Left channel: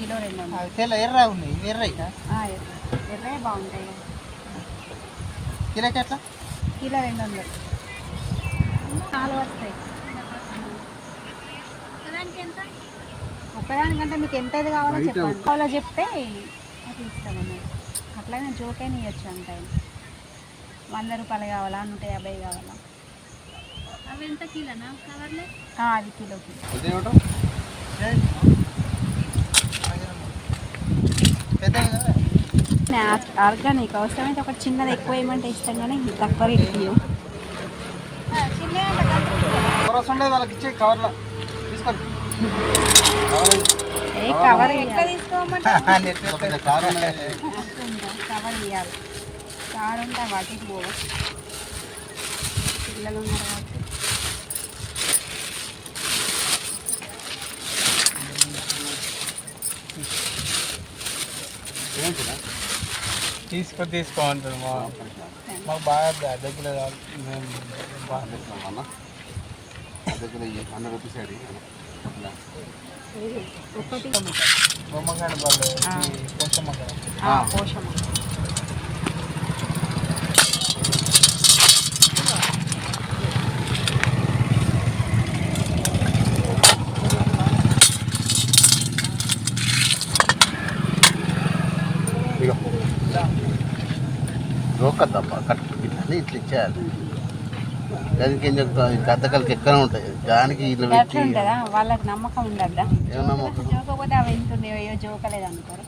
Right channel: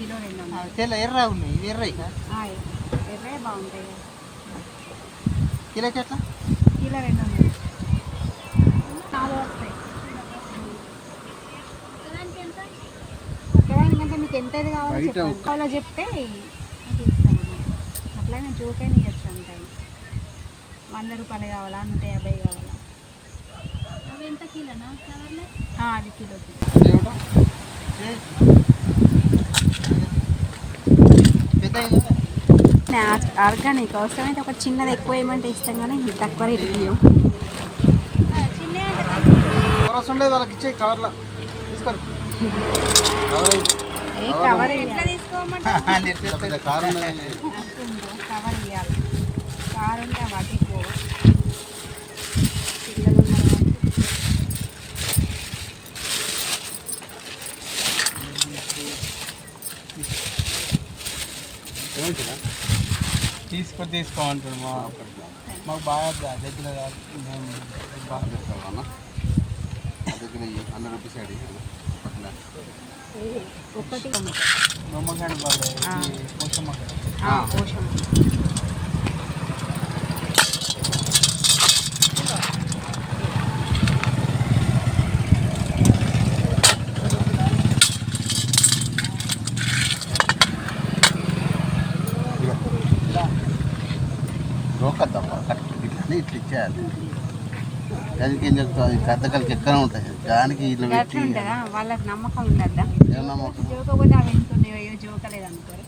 Kilo రెండు వందలు. తెల్ల ఎర్ర ఉన్నాయి ఇవి ఎర్ర ఎర్రే బాగుంటాయి. కదా. కిలోకి ఎట్లా? కిలో రెండు వందలు. నాలుగు వస్తాయి. ఒక్కదానికంటే మీకు ఎంత ఇది కావాలో చెప్పండి. కావాలో చెప్తే అది ఇస్తామన్నమాట అట్లనే జోకైనా ఇవ్వచ్చు అంత. వంద రూపాయలు కావాలా నూట యాభై కావాలా? అవి ఎంత కిలోనా? కవర్లే ఆ, అది కిలోకి. ఆర్గానిక్. అవసరమైతే ఒక చిన్నది ఎక్కువ వేయమంటే ఇస్తాం కానీ ఇది తక్కువ రేటు అవసరం కవర్ ఏ కవర్ కారు కవర్ ఇవ్వాలి కారు ఉంటే వాటికి పోవ పిల్లలు ఉన్నారు కాబట్టి. తీసుకో తీసుకో మాకు బాగా దగ్గర కాదు. మేము బాగా హండ్రెడ్ రూపీస్ అడి ఒకటి బొమ్మగాడి వాళ్ళు రోకద్దమ్మా కట్టు ఇట్లా ఇట్లా ఇచ్చేయాలి. దానికి ఏం చెప్తావు? ఈ కథకలకి ఎక్కడ ఉంటాయి. దానికి ఇట్లా వాళ్ళకి నమ్మకం ఉండద్దా? జోకపోతే అవి ఎంత ఉండేవో జోకలేదు అనుకోరు